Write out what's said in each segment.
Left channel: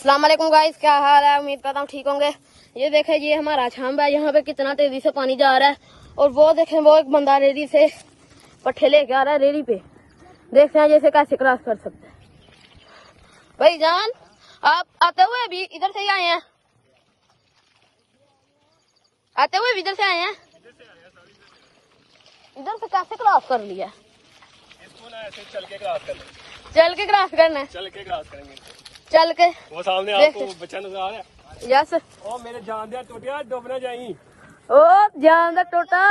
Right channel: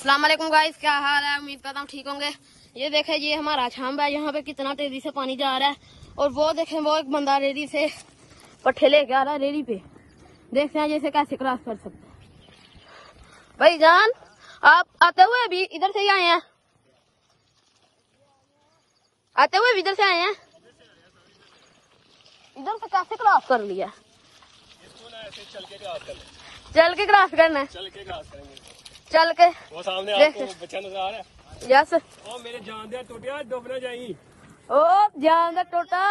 अस्सलाम वालेकुम गाइस, क्या हाल है? उम्मीद करता हूँ ठीक होंगे। ये देखे, ये हमारा छांब है। यहाँ पे कितना तेजी से पानी जा रहा है। और वो देखें, वो एक बंदा रेडी से पट्टे ले जा रहा है रेडी पे। देखते हैं जैसे कैसे क्रॉस कर सकते हैं। भाई जान, आप आते हुए अभी इधर से ही आए हैं? आते हुए इधर से आए हैं? इधर से कैसे क्रॉस कर लिया? चल के क्रॉस करना। चल के क्रॉस करना? चल के क्रॉस करेंगे। चल के वो सामने आपको बच्चा नजर आ रहा है। जैसे ओ मेरे जान दिया टूटिया, डूब ना जाई। ओ जान दा टोटा।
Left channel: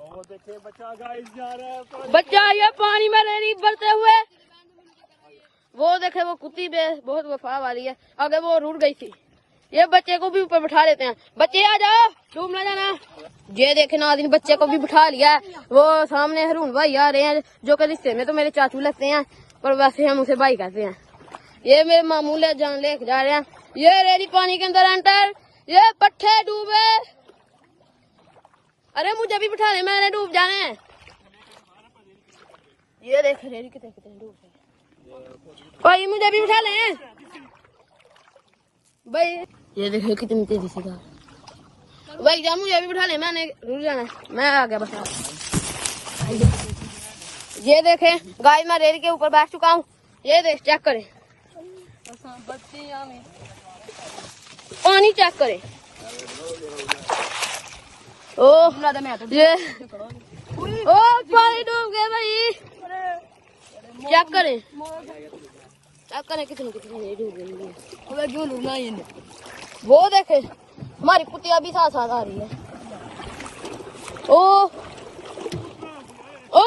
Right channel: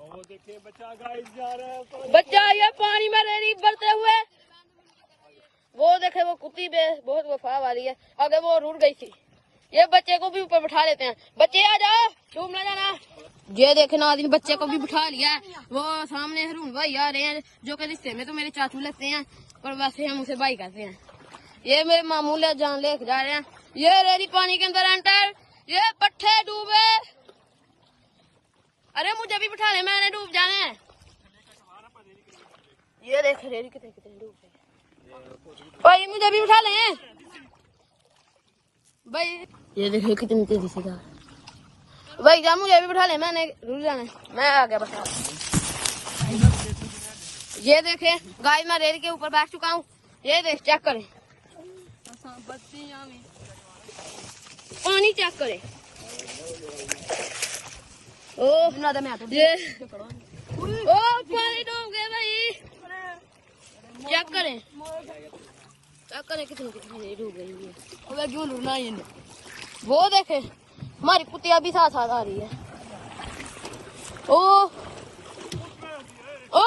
ओ देखिए बच्चा गाइस जा रहा है। बच्चा ये पानी में रेडी बढ़ते हुए। वो देखे, वो कुत्ती में बहुत वफा वाली है। अगर वो रुड़ गई थी। ये बच्चे को भी ऊपर बिठा लेते हैं। बच्चे आ जाओ, डूब ना जाना। ये देखे नाज़रीन, बच्चे को भी बिठा लिया है। वो सामने रून भाई आ रहे हैं, जो कि रिश्ते में तो मेरे चाचू लगते हैं, पर वैसे हम उसे भाई कहते हैं। ये मेरे मामू ले जान लेके जा रहे हैं। ये रेडी पानी के अंदर एंटर। ये पट्टे डूबे। अरे मुझे भी बिठा ले, मैंने डूब जाना है। ये देख रेडी कितने डूब जाए। भाई मुझे भी बिठा ले भाई। ये देखो कितनी तेजी से जा। भाई जान मुझे भी बिठा ले, मैंने रुक जाना है। मैं आ गया। ये देखें गाइस, मैं रेल के ऊपर बैठ चुका हूँ। ये देख, चेक करें पानी, चेक करें। ओ ये ओ पानी डूब गए भाई। चेक करें, चेक करें कितनी डूब गई है। अब क्यों डूबना है? वो देखे हमारी कुतिया भी साथ साथ आ रही है। ओ ओ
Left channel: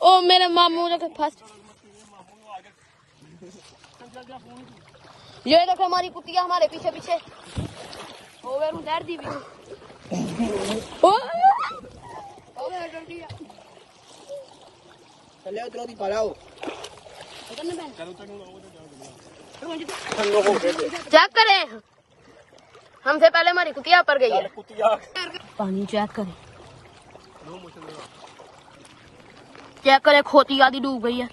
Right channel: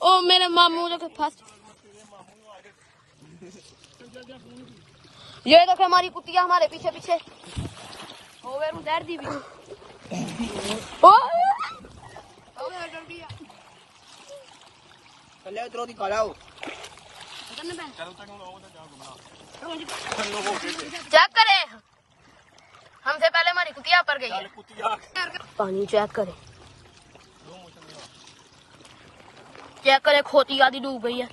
ओ मेरे मामू जो फंस। ये देखे हमारी कुतिया हमारे पीछे पीछे। चेक करें, हमसे पहले हमारी कुतिया पर गई है। पानी चेक करें, चेक करें, खोती आदि डूब गई है।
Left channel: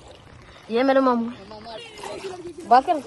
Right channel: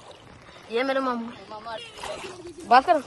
ये मेरे मामू बात करो।